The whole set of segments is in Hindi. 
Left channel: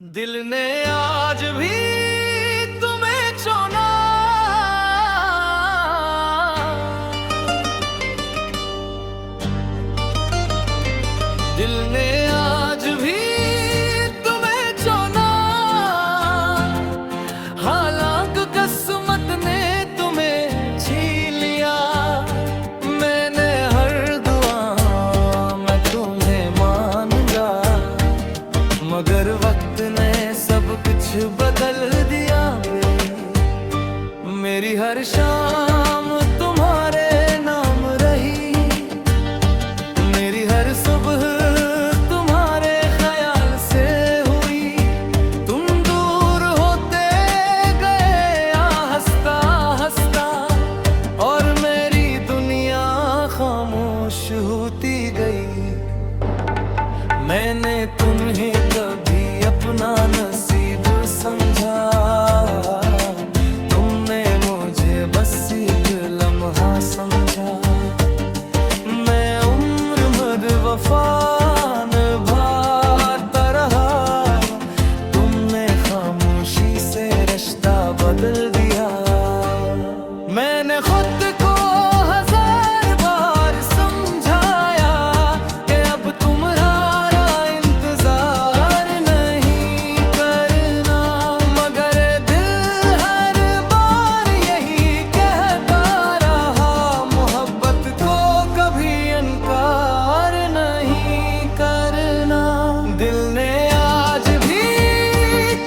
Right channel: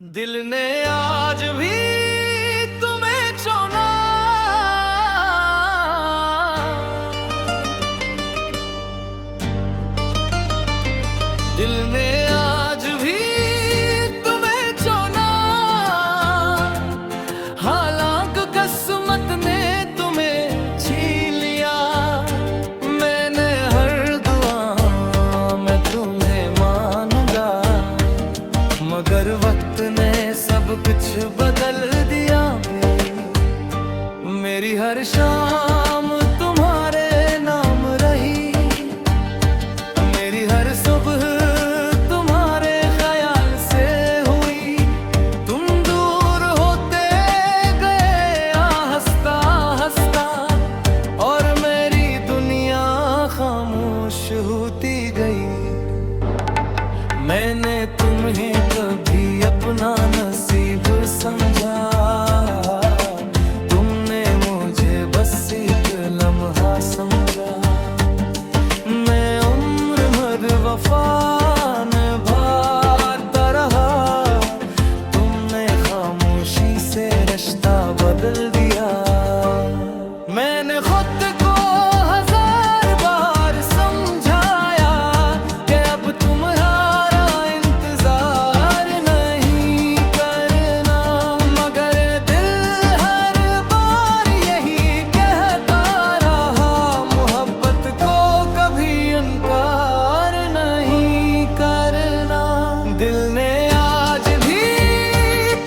दिल ने आज भी तुम्हें चुना, दिल ने आज भी तुम्हें चुना। हालांकि किस्मत ने तुम्हें छीन लिया। मैंने हर दुआ में तुम्हें मानगा, मगर वक्त ने सब कुछ बदल दिया। मेरी हर शाम तुम्हारे नाम रही, मेरी हर सुबह तुम्हारे ख्याल से हुई। तुम दूर होते गए हंसता हंसता, और मेरी दुनिया खामोश होती गई। मैंने तुम्हें कभी अपना नसीब समझा, तुमने मुझे बस एक लम्हा समझा। मैं उम्र भर वफा निभाता रहा, तुमने खामोशी से रिश्ता बदल दिया। मैंने खुद को हजार बार समझाया कि अब तुम्हारा इंतजार नहीं करना, मगर दिल हर बार यही कहता रहा, मोहब्बत को कभी इनकार नहीं करना। दिल ने आज भी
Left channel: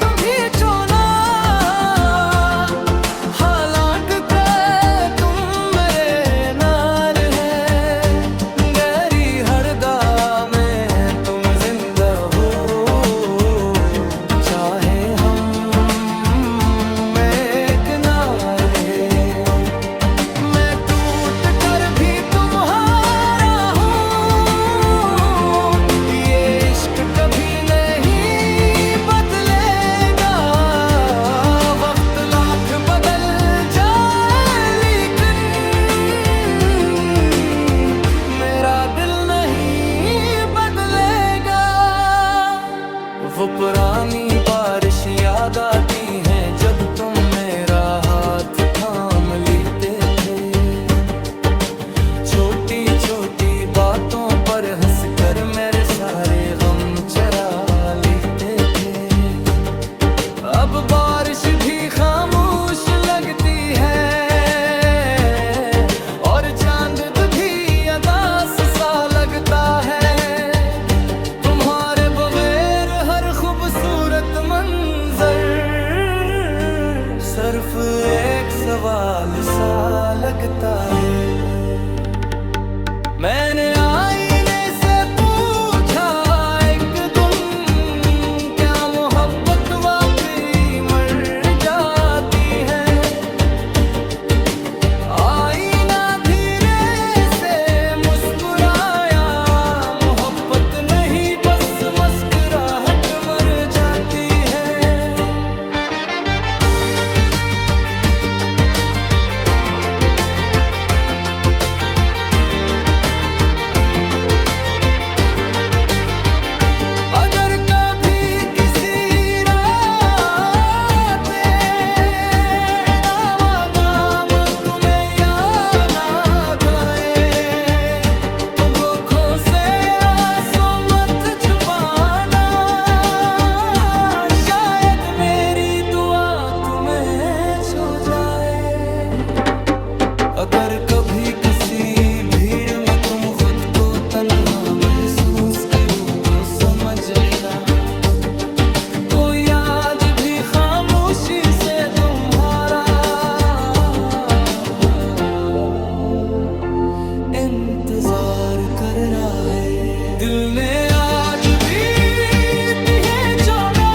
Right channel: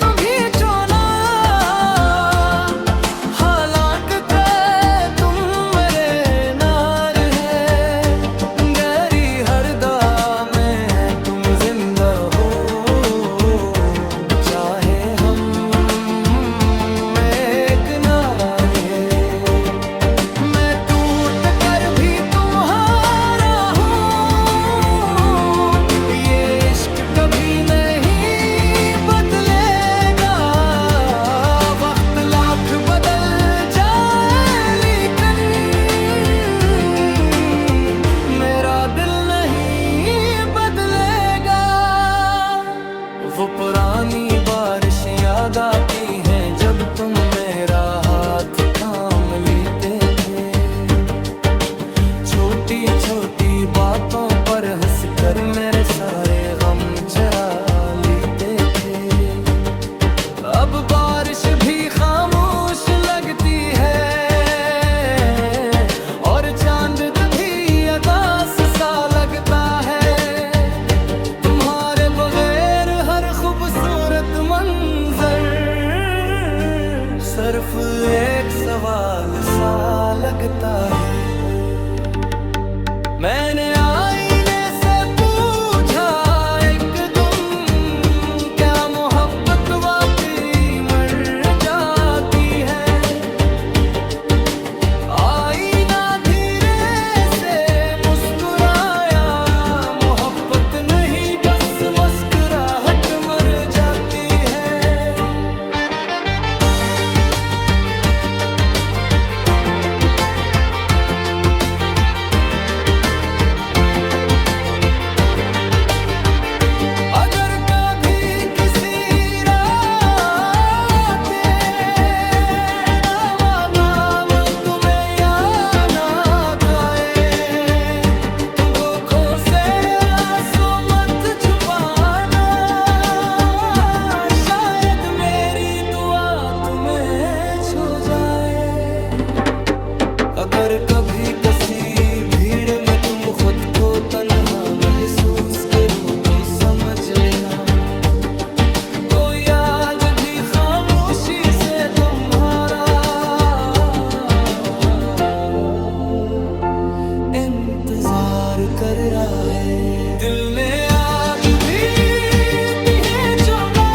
तुम्हें चुना, हालांकि तुम मेरे नार है। गहरी हर दा में तुम जिंदा हो, चाहे हम एक नारे। मैं टूट कर भी तुम्हारा हूँ, ये इश्क कभी नहीं बदलेगा। वक्त लाख बदल जाए लेकिन मेरा दिल नहीं बदलेगा। वो पुरानी बारिश याद आती हैं जब तुम मेरा हाथ थाम लेते थे। छोटी छोटी बातों पर हंसकर मेरे सारे गम चरा लेते थे। अब बारिश भी खामोश लगती है, और चांद भी अदास सा लगता है। तुम्हारे बगैर हर खूबसूरत मंजर सिर्फ एक सवाल सा लगता है। मैंने आईने से पूछा एक तुम, क्या मोहब्बत वाकई मर जाती है? आईना धीरे से मुस्कुराया, मोहब्बत नहीं बस मुस्कुराहट मर जाती है। अगर कभी किसी रात तेरा नाम तुम्हें याद ना खाए, तुम आँखों से आंसू मत छुपाना, शायद मेरी दुआ तुम्हें छू जाए। अगर कभी किसी भीड़ में तुम खुद को तन्हा महसूस करो तो समझ लेना, कोई आज भी खामोशी से तुम्हारा इंतजार कर रहा है। दिल ने आज भी तुम्हें चुना,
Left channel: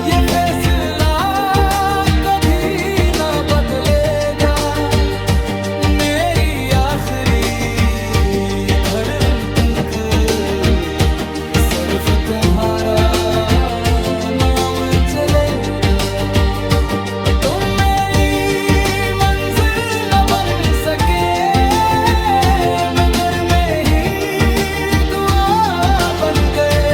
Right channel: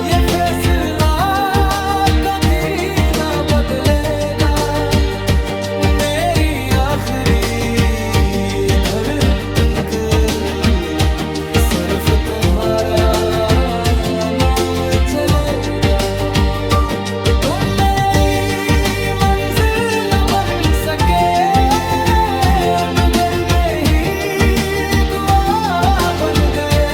ये फैसला कभी ना बदलेगा। मेरी आखिरी धड़कन सिर्फ तुम्हारा नाम चलेगा। तुम मेरी मंजिल न बन सके, मगर मैं ही दुआ बन गए।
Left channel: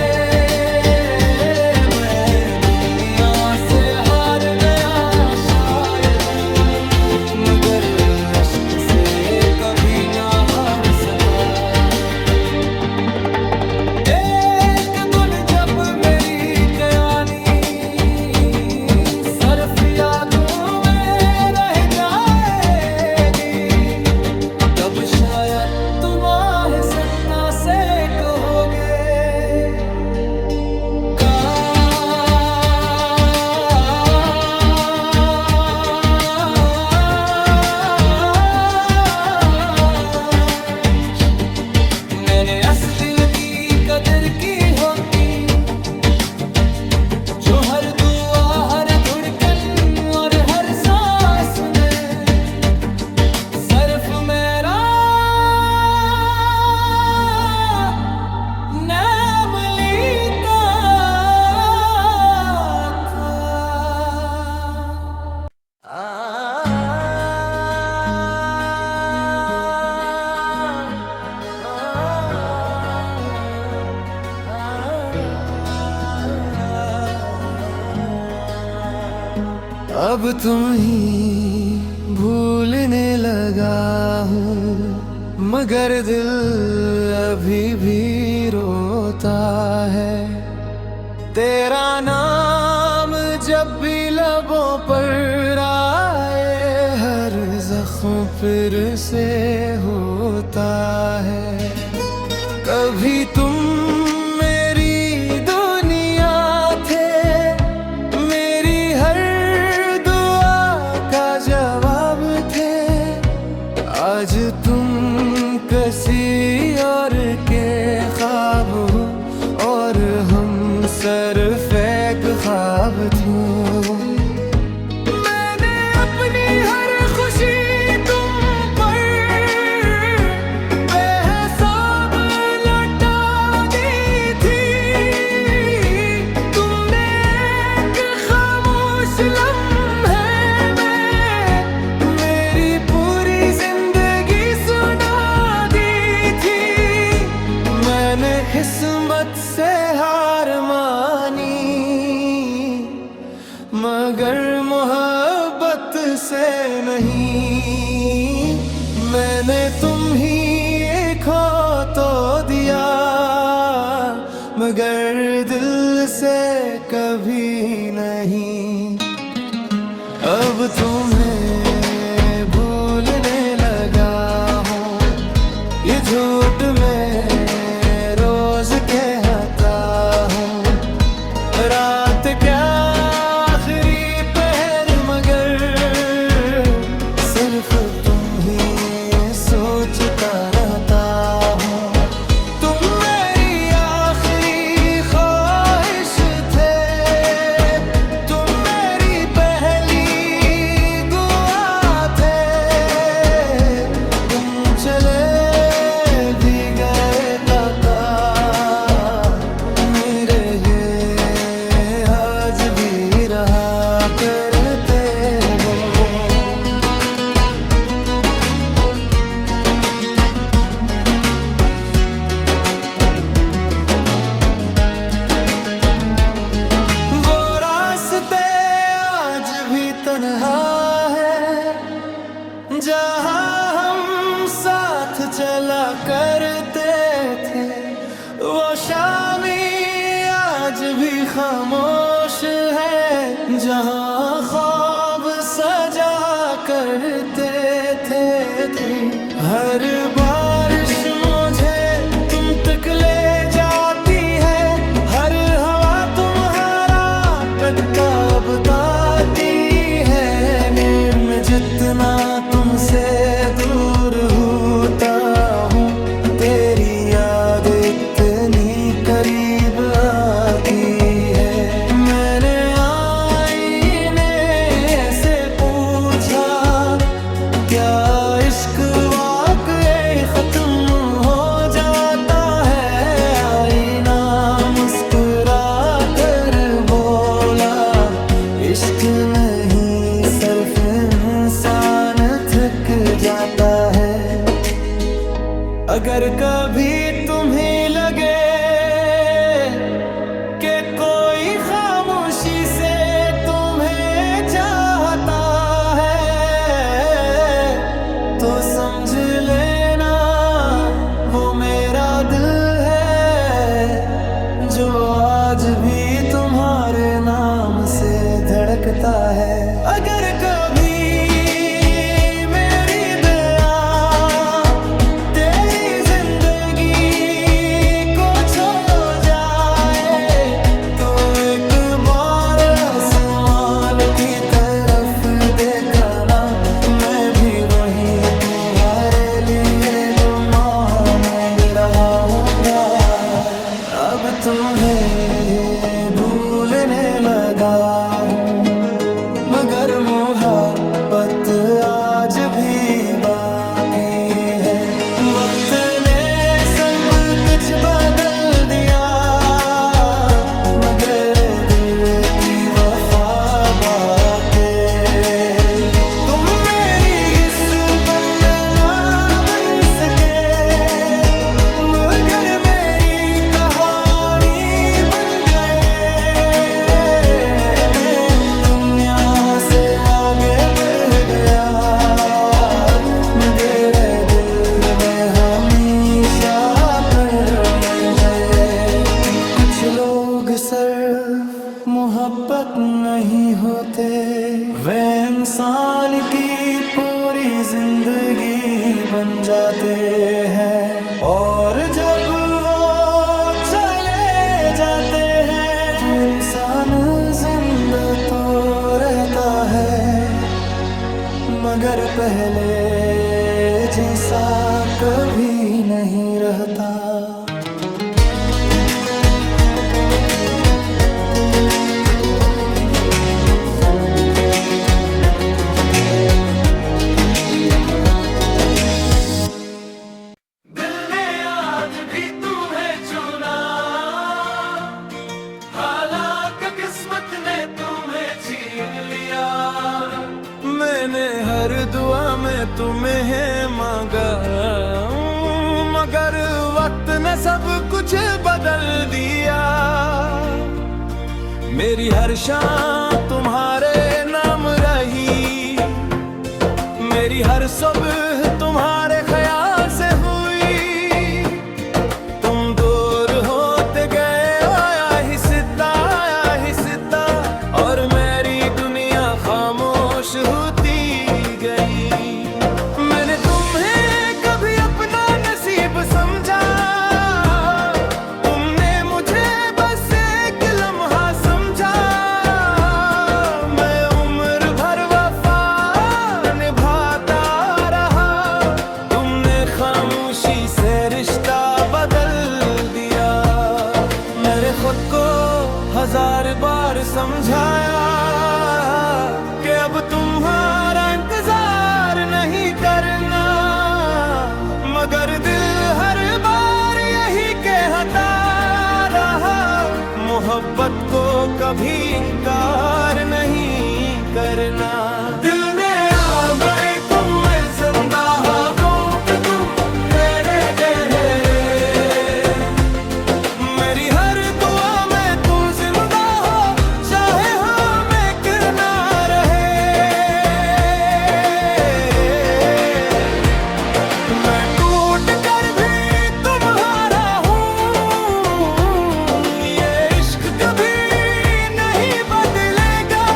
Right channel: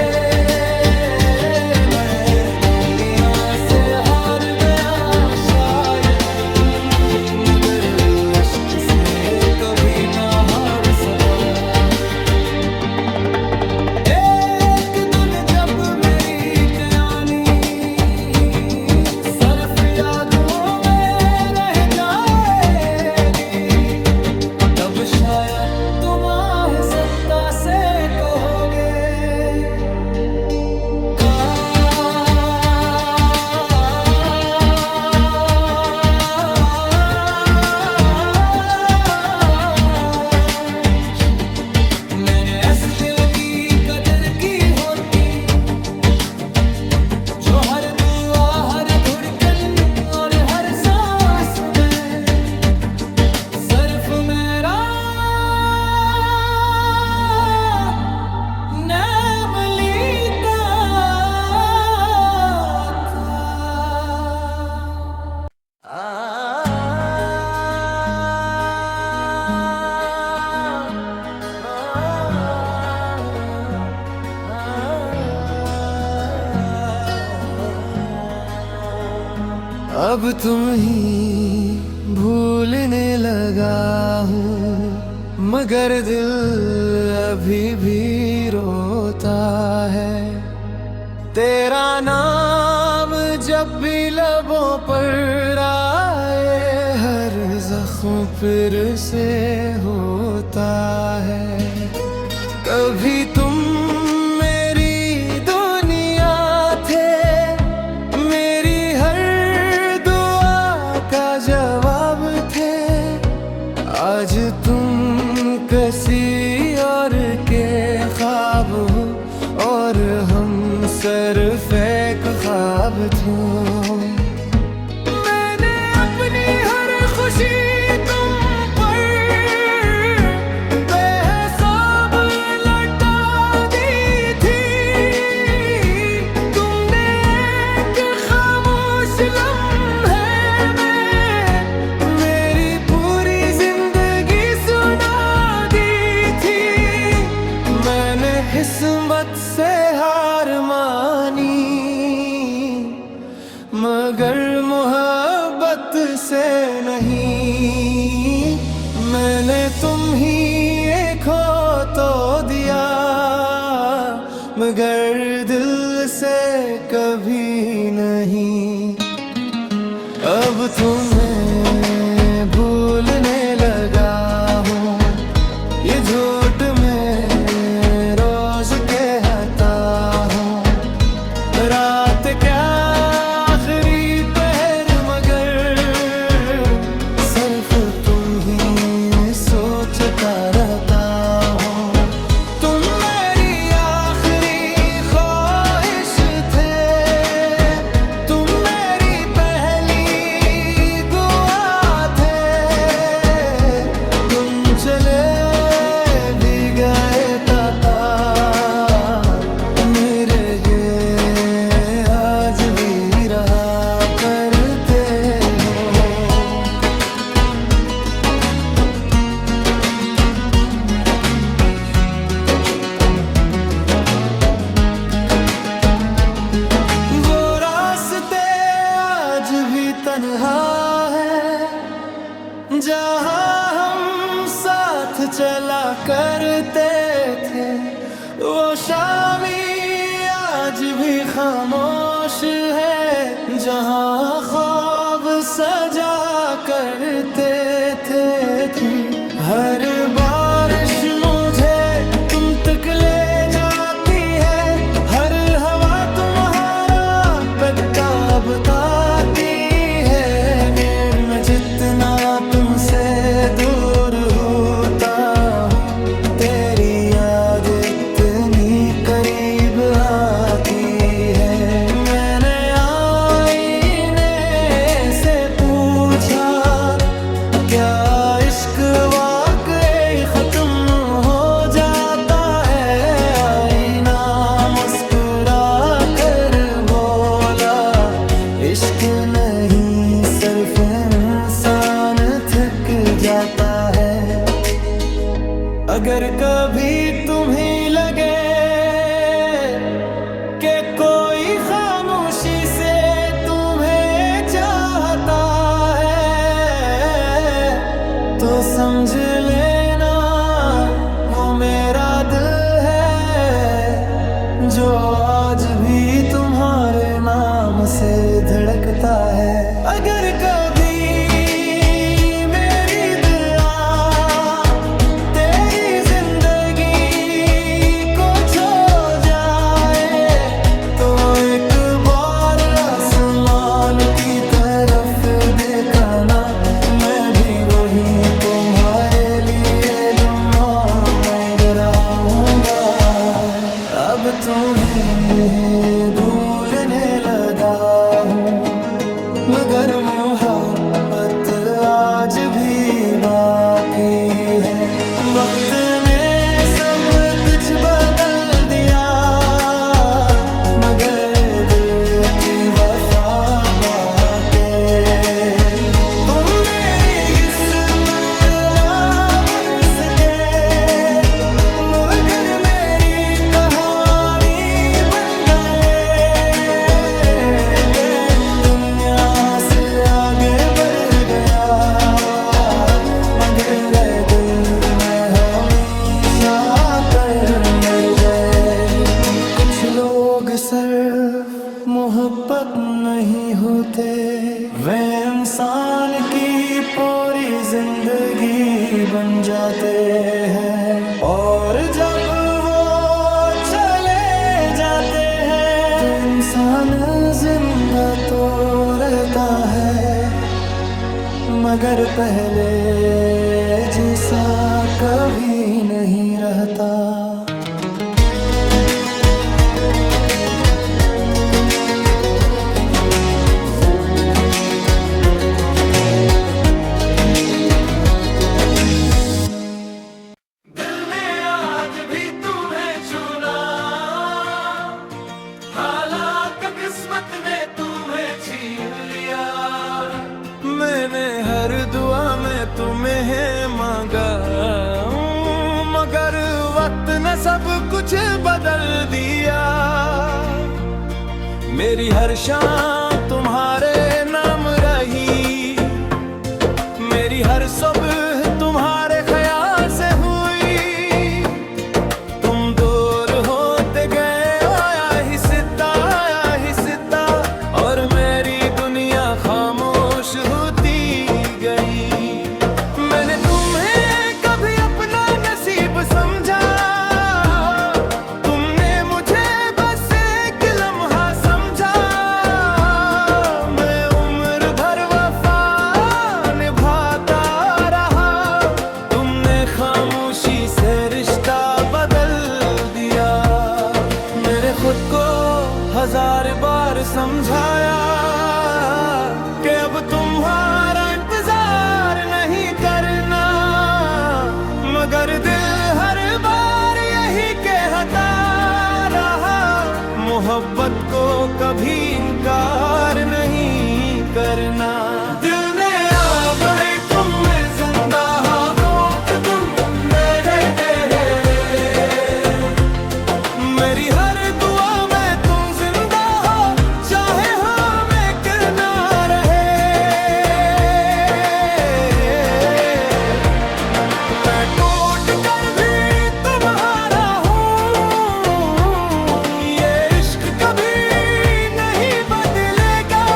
अब तुम ही भूलने लगा हूँ, मगर दिल अभी भी रोता है। तेरा नाम जब भी लबों पर आए, हर जख्म फिर से होता है। कभी तुम मेरी दुनिया थे, मेरी हर दुआ का जवाब थे। आज तुम किसी और के ख्वाब हो और हम सिर्फ एक ख्वाब थे। मैंने अपनी हर खुशी तुम पर बेहिसाब लौटा दी थी। तुमने एक खामोश लम्हे में मेरी पूरी जिंदगी सुना दी थी। मैंने किस्मत से हार मानी, मगर मोहब्बत से नहीं। मैंने तुम ही खो तो दिया, मगर दिल से कभी नहीं। अब तुम्हें भूलने लगा हूँ, ये झूठ में रोज कहता हूँ। रात क्या आखिरी पहर, मगर सिर्फ तुम ही सोचता रहता हूँ। तुम मेरी आखिरी ख्वाहिश थे, तुम मेरी पहली दुआ थे। तुम चले भी गए ताता, मेरे ये आज भी रहा करते हो। वो रास्ते आज भी तन्हा है, जहाँ हम साथ चला करते थे। वो शामी आज भी खामोश है, जहाँ ख्वाब सजा करते थे। हर बारिश मुझे तुम तक ले जाती है, हर हवा तुम्हारा पत्ता बताती है। नीर में जितना तुमसे दूर होता हूँ, तेरी याद इतनी करीब आती है। मैंने आईने से पूछा, क्या इश्क वाकई खत्म हो जाता है? आईना मुस्कुरा कर बोला, इश्क नहीं सिर्फ इंसान थक जाता है। अगर कभी तुम्हें लगे कि कोई खामोशी से तुम्हें चाहता है, तो समझ लेना वो मेरा दिल है, जो आज भी तुम्हारे नाम से धड़कता है। अगर कभी देखना, मैं भी वही तुम्हारे लिए दुआ मांग रहा हूँगा। अब तुम्हें भूलने लगा हूँ, मगर मोहब्बत आज भी बाकी है। वक्त ने सब कुछ बदल दिया, मगर दिल की वफा बाकी। तुम मेरी किस्मत ना बन सके, मगर मेरी कहानी बन गए। मैं दुनिया से लोग सिर्फ मोहब्बत नहीं होते, वे इंसान की पूरी जिंदगी बन जाते हैं। और जब वो चले जाते हैं तो इंसान जिंदा तो रहता है, मगर पहले जैसा कभी नहीं रहता। मैंने हर दुआ में तुम्हें मांगा, मगर वक्त ने सब कुछ बदल दिया। मेरी हर शाम तुम्हारे नाम रही, मेरी हर सुबह तुम्हारे ख्याल से हुई। तुम दूर होते गए, आया ही सिता, और मेरी दुनिया खामोश होती गई। मैंने तुम्हें कभी अपना नसीब समझा, तुमने मुझे बस एक लम्हा समझा। मैं उम्र भर वफा निभाता रहा, तुमने खामोशी से रिश्ता बदल दिया। मेरे खुद को 1000 बार समझाया कि अब तुम्हारा इंतजार नहीं करना, मगर दिल हर बार यही कहता रहा, मोहब्बत को कभी इनकार नहीं करना। दिल दे आ गए तुम, मैं जिंदा हूँ कि तुम मेरे तेरे। मेरी हर दुआ में तुम जिंदा हो, चाहे हम एक ना रहे। मैं टूट कर भी तुम्हारा हूँ, ये इश्क कभी नहीं बदलेगा।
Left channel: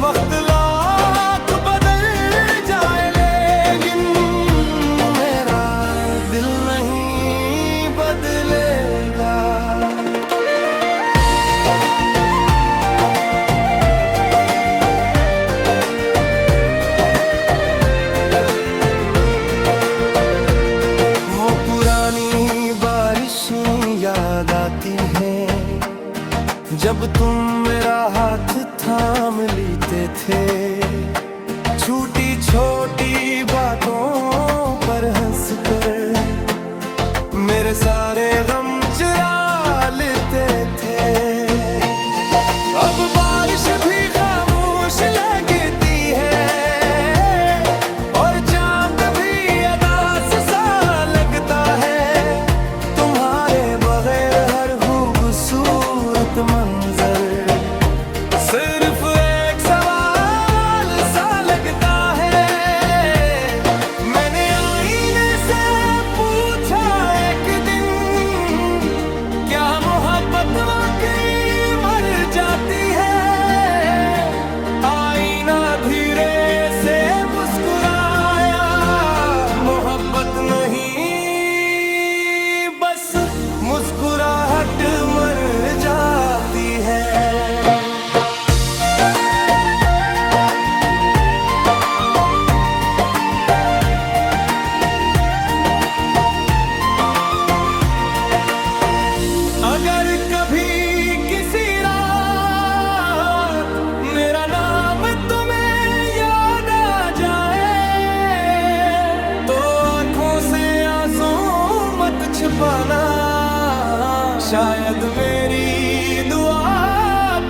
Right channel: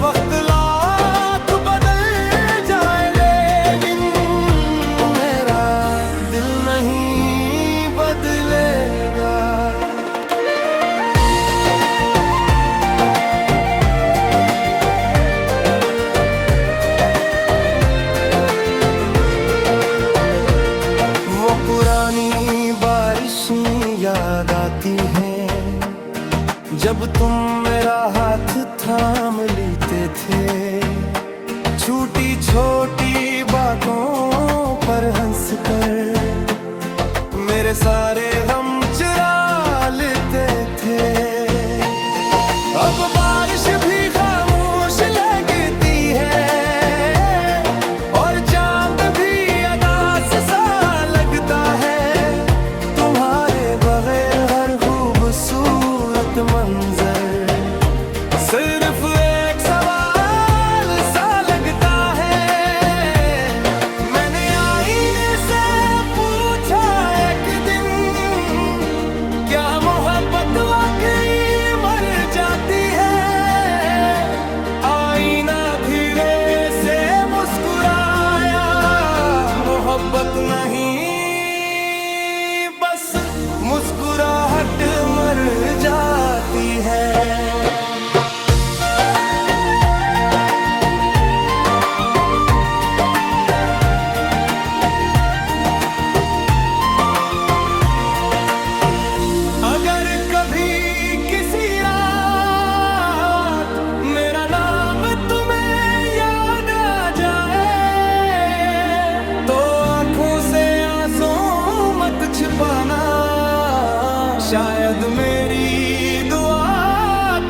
वक्त लाख बदल जाए, लेकिन मेरा दिल नहीं बदलेगा। वो पुरानी बारिशें याद आती हैं, जब तुम मेरा हाथ थाम लेते थे। छोटी छोटी बातों पर हंस कर मेरे सारे गम चुरा लेते थे। अब बारिश भी खामोश लगती है, और चांद भी अदास सा लगता है। तुम्हारे बगैर हर खूबसूरत मंजर सिर्फ एक सवाल सा लगता है। मैंने आईने से पूछा एक दिन, क्या मोहब्बत वाकई मर जाती है? आईना धीरे से मुस्कुराया, मोहब्बत नहीं बस मुस्कुराहट मर जाती है। अगर कभी किसी रात मेरा नाम तुम्हें याद आ जाए, तो आंखों से आंसू मत छिपाना। शायद मेरी दुआ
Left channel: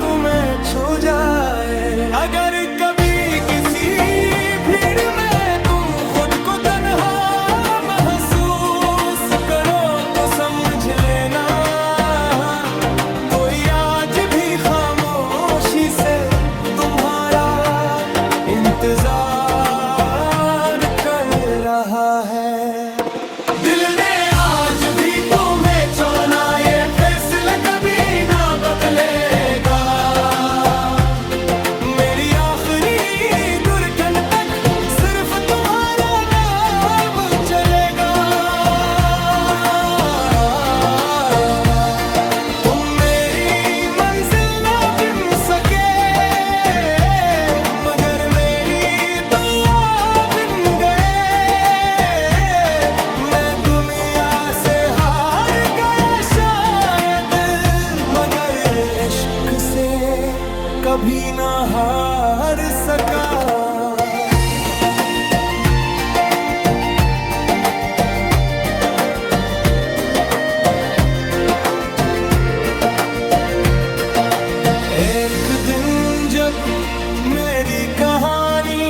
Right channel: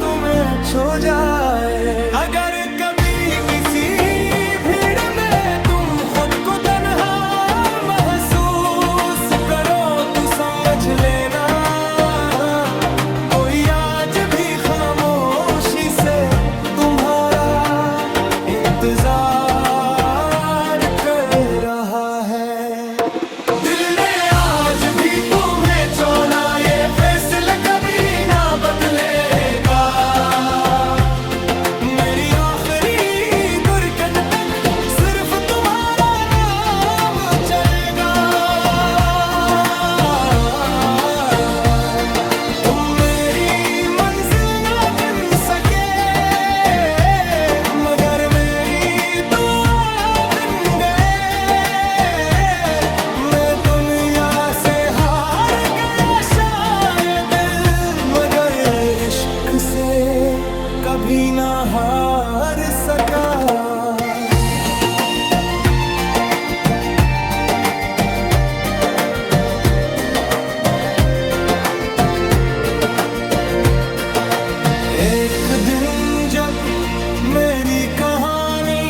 तुम्हें छू जाए। अगर कभी किसी भीड़ में तुम खुद को तन्हा महसूस करो, तो समझ लेना कोई आज भी खामोशी से तुम्हारा इंतजार कर रहा है। दिल ने आज भी तुम्हें चुना, ये फैसला से कभी ना हार सका। एक दिन जब मेरी कहानी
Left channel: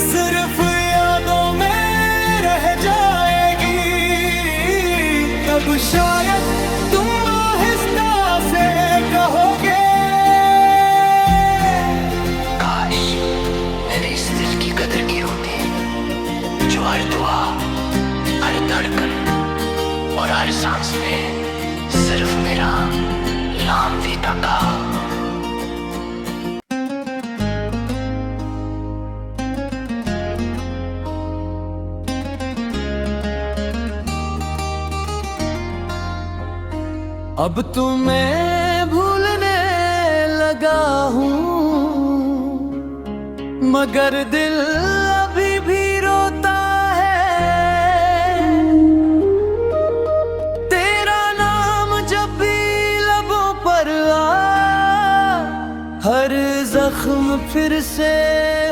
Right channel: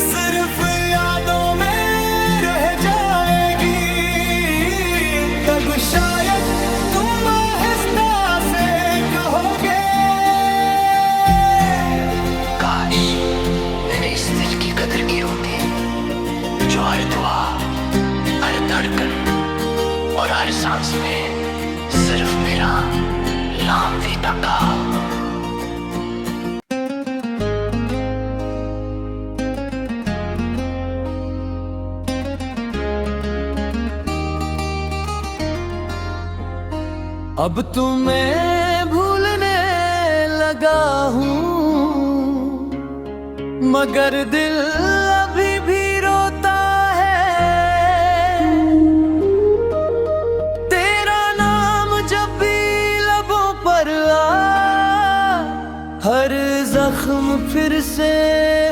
सिर्फ यादों में रह जाएगी, तब शायद तुम आहिस्ता से कहोगे, काश मैंने इस दिल की कदर की होती जो हर दुआ, हर धड़कन और हर सांस में सिर्फ मेरा नाम भी था। अब तुम्हें भूलने लगा हूँ, मगर दिल अभी भी रोता है। तेरा नाम जब भी लबों पर आ, हर जख्म फिर से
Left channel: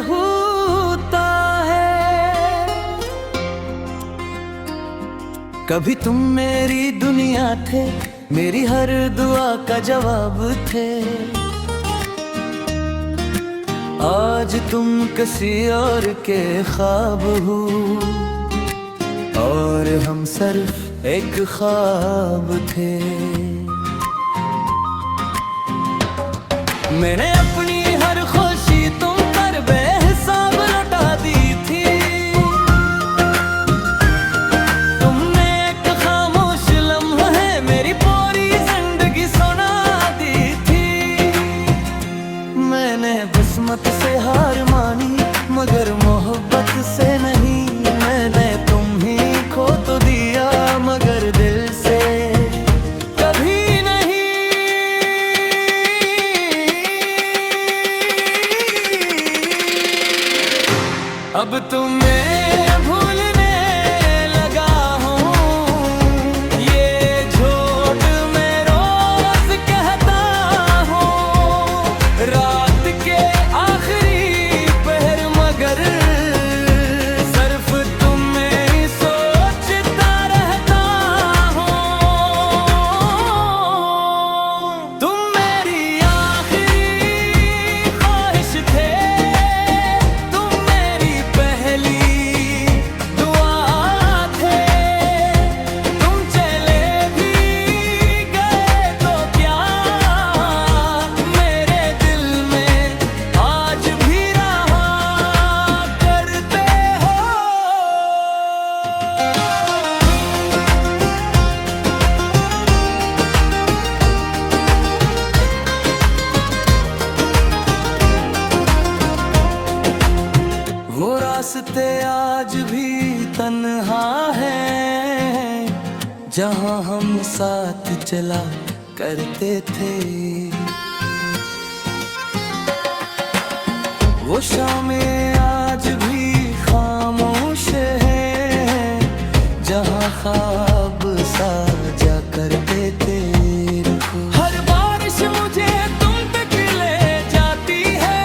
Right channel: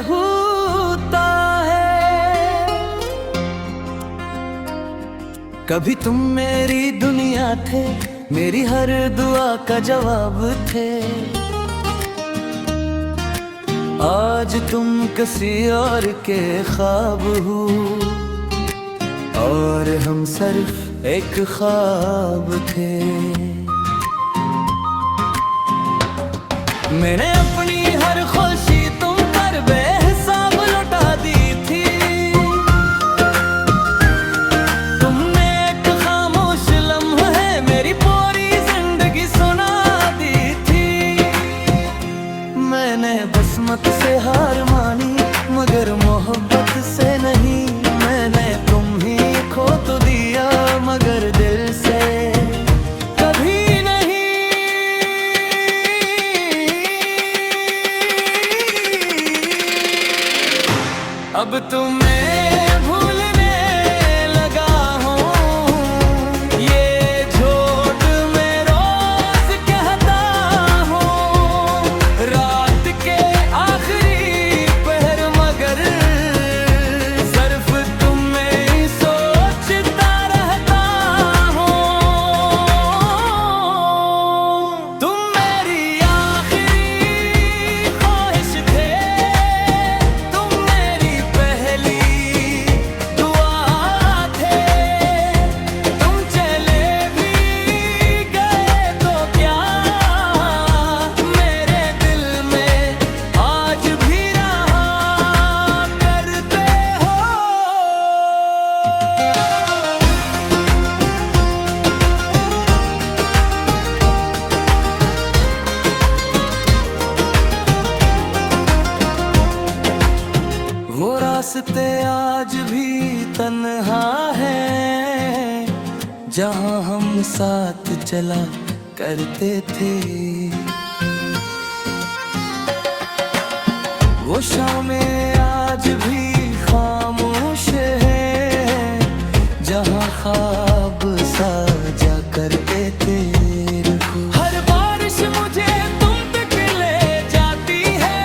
होता है। कभी तुम मेरी दुनिया थे, मेरी हर दुआ का जवाब थे। आज तुम किसी और के ख्वाब हो, और हम सिर्फ एक ख्वाब थे। मैंने अपनी हर खुशी तुम पर बेहिसाब लौटा दी थी। तुमने एक खामोश लम्हा मेरी पूरी जिंदगी सुना दी थी। मैंने किस्मत से हार मानी, मगर मोहब्बत से नहीं। मैंने तुम ही खो तो दिया, मगर दिल से कभी नहीं। अब तुम्हें भूलने लगा हूँ, ये झूठ मैं रोज कहता हूँ। रात के आखिरी पहर मगर सिर्फ तुम्हें ही सोचता रहता हूँ। तुम मेरी आखिरी ख्वाहिश थे, तुम मेरी पहली दुआ थे। तुम चले भी गए तो क्या, मेरे दिल में आज भी रहा करते हो। वो रास्ते आज भी तन्हा है, जहाँ हम साथ चला करते थे। वो शामें आज भी खामोश है, जहाँ ख्वाब साजा करते थे। हर बारिश मुझे तुम तक ले जाती है,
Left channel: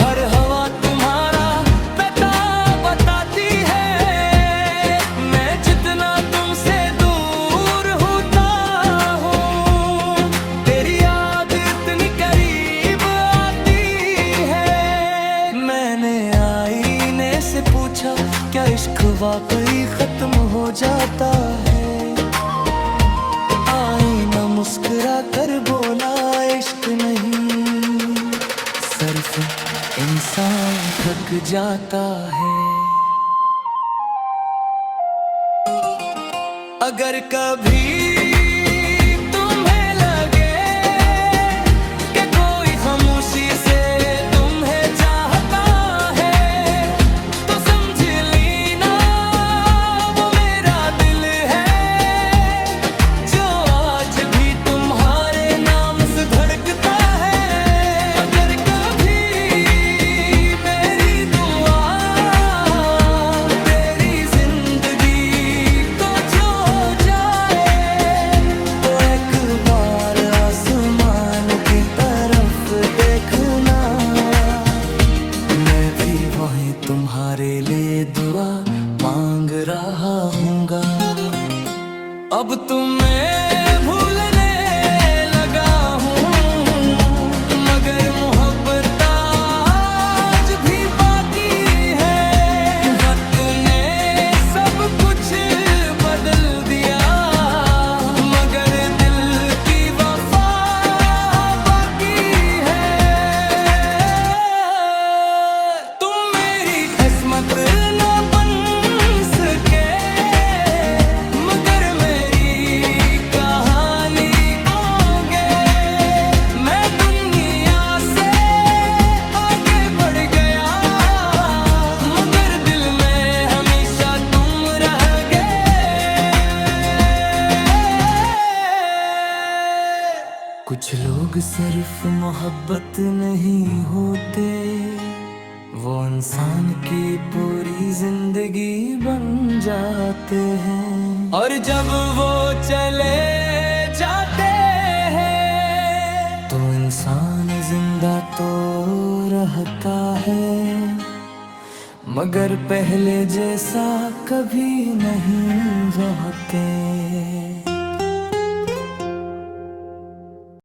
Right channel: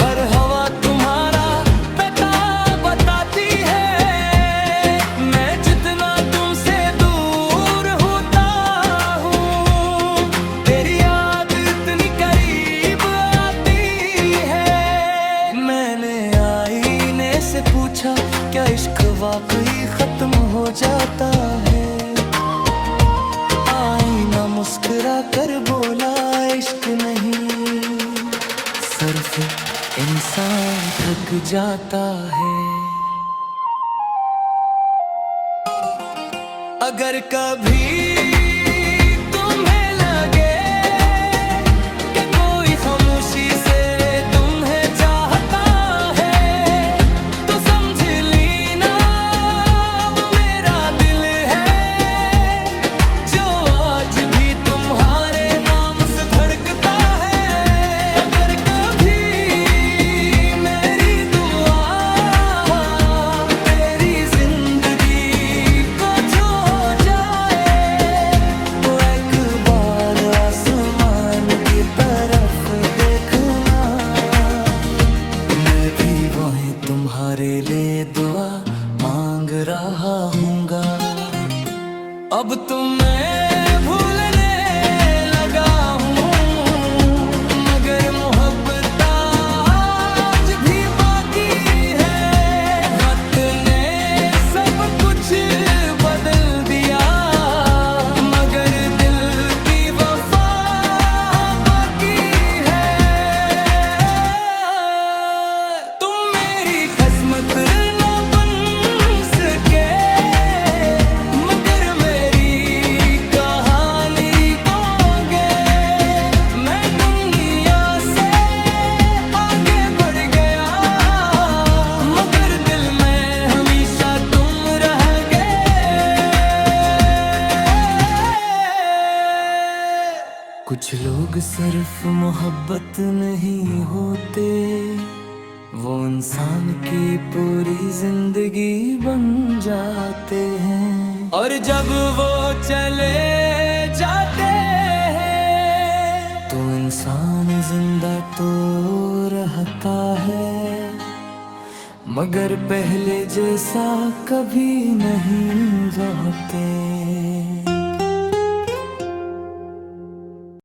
हर हवा तुम्हारा पता बताती है। मैं जितना तुमसे दूर होता हूँ, तेरी याद इतनी करीब आती है। मैंने आईने से पूछा, क्या इश्क वाकई खत्म हो जाता है? आईना मुस्कुरा कर बोला, इश्क नहीं, सिर्फ इंसान थक जाता है। अगर कभी तुम्हें लगे कि कोई खामोशी से तुम्हें चाहता है, तो समझ लेना वो मेरा दिल है, जो आज भी तुम्हारे नाम से धड़कता है। अगर कभी मेरी दुआ तेरी जिंदगी को जो जाए, अब तुम्हें भूलने लगा हूँ, मगर मोहब्बत आज भी बाकी है। वक्त ने सब कुछ बदल दिया, मगर दिल की वफा बाकी है। तुम मेरी किस्मत ना बन सके, मगर मेरी कहानी खोगे। मैं दुनिया से आगे बढ़ गया, मगर दिल में हमेशा तुम रह गए। कुछ लोग सिर्फ मोहब्बत नहीं होते, वो इंसान की पूरी जिंदगी बन जाते हैं। और जब वो चले जाते हैं तो इंसान जिंदा तो रहता है, मगर पहले जैसा कभी नहीं रहते।